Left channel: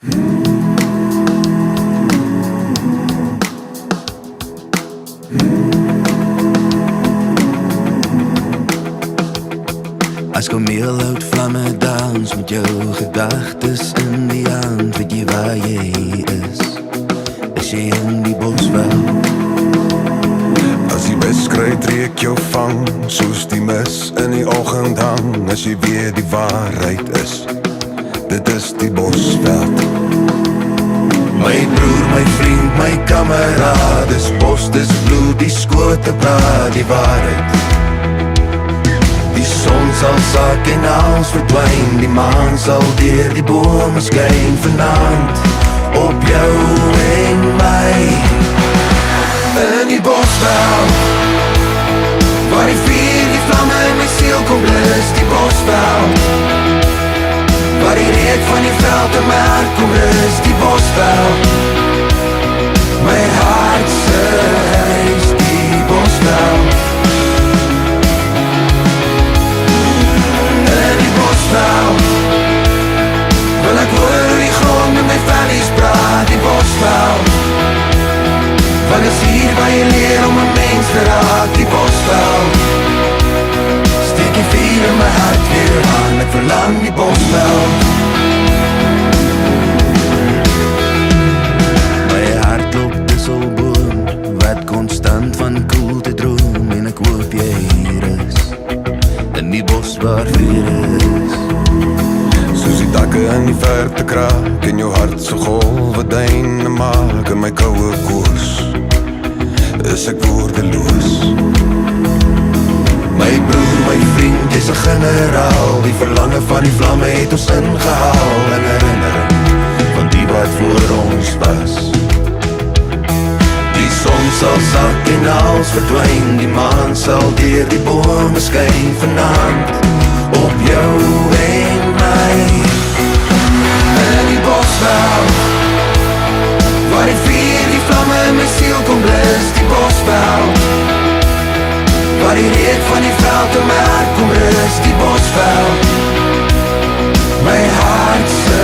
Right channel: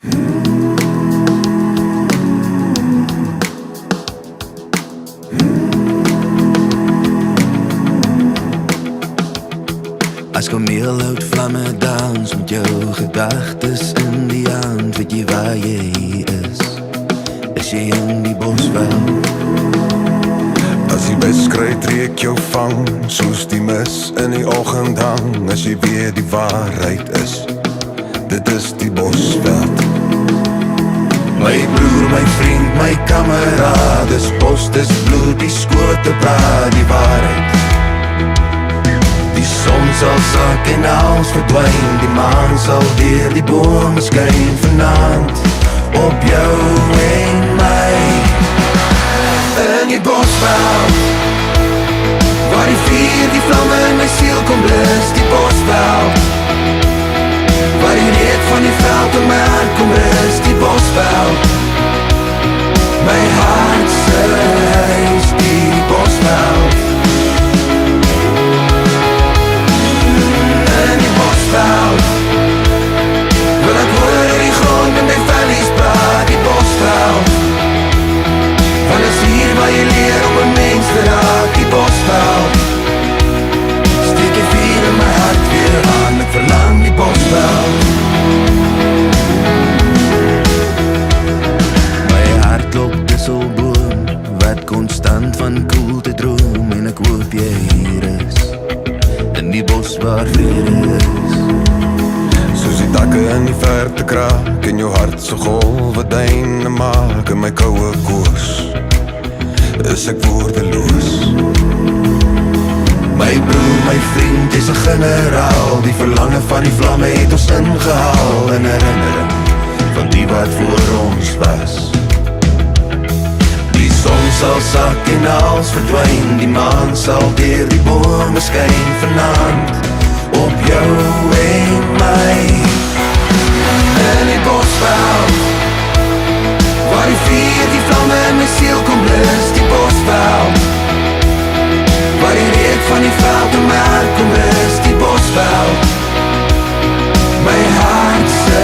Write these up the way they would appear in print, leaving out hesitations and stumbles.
As kameel hout vlamme dans met jou gedagtes in die hand, weet jy waar jy is? Is jy in die bosveld? As die wedstrijd trek jou vang, soos die mis in die oggend hang, as jy weer die waarheid is, dit is die bosveld. My broer, my vriend, my kameraad, dis bos, dis bloed, die skote praat die waarheid. Die son sal sak en alles verdwyn, die maan sal deur die bome skyn vanaand, op jou en my. In die bosveld, waar die vuur, die vlamme in my siel kom blus, die bosveld, waar die reuk van die veld in my hart kom rus, die bosveld, my hart se huis, die bosveld. In die bosveld, wil ek hoor die grond met my vellies praat, die bosveld, want is hier waar jy leer om 'n mens te raak, die bosveld. Steek die vuur in my hart weer aan, ek verlang die bosveld. My hart loop disselboom, wat konstant van koelte droom, en ek hoop jy hier is, in die bos waar vrede is. Soos die takke in die verte kraak, en jou hart so golwe duine maak, in my koue koers is ek woordeloos. My broer, my vriend, is 'n generaal, die verlange van die vlamme het ons ingehaal, in herinnering van die wat voor ons was. Die son sal sak en alles verdwyn, die maan sal deur die bome skyn vanaand, op jou en my. In die bosveld, waar die vuur, die vlamme in my siel kom blus, die bosveld, waar die reuk van die veld in my hart kom rus, die bosveld, my hart se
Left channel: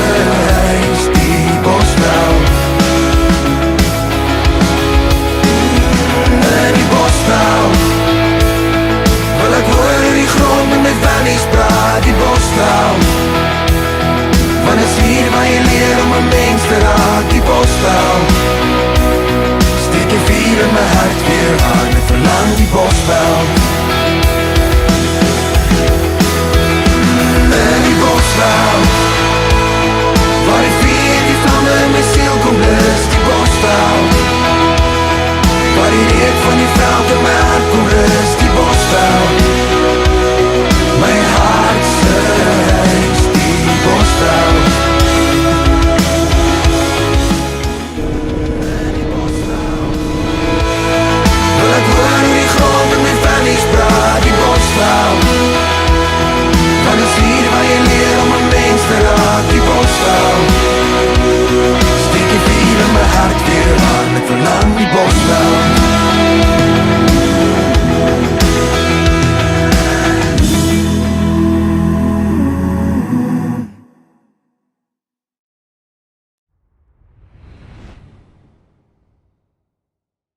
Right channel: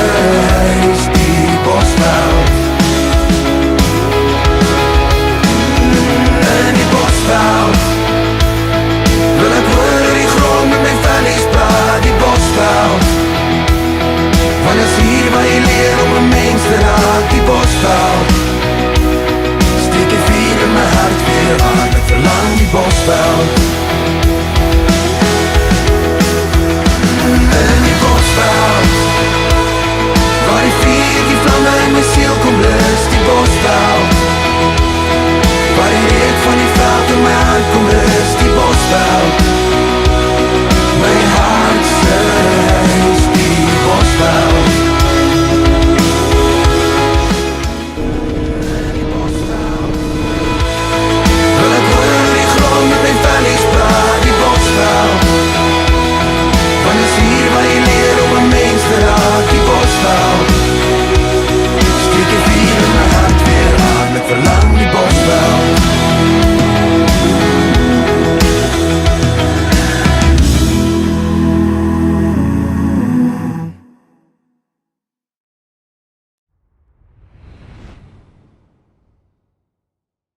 huis, die bosveld. In die bosveld, wil ek hoor die grond met my vellies praat, die bosveld, want is hier waar jy leer om 'n mens te raak, die bosveld. Steek die vuur in my hart weer aan, ek verlang die bosveld. In die bosveld, waar die vuur, die vlamme in my siel kom blus, die bosveld, waar die reuk van die veld in my hart kom rus, die bosveld, my hart se huis, die bosveld. Wil ek hoor die grond met my vellies praat, die bosveld, want is hier waar jy leer om 'n mens te raak, die bosveld. Steek die vuur in my hart weer aan, ek verlang die bosveld.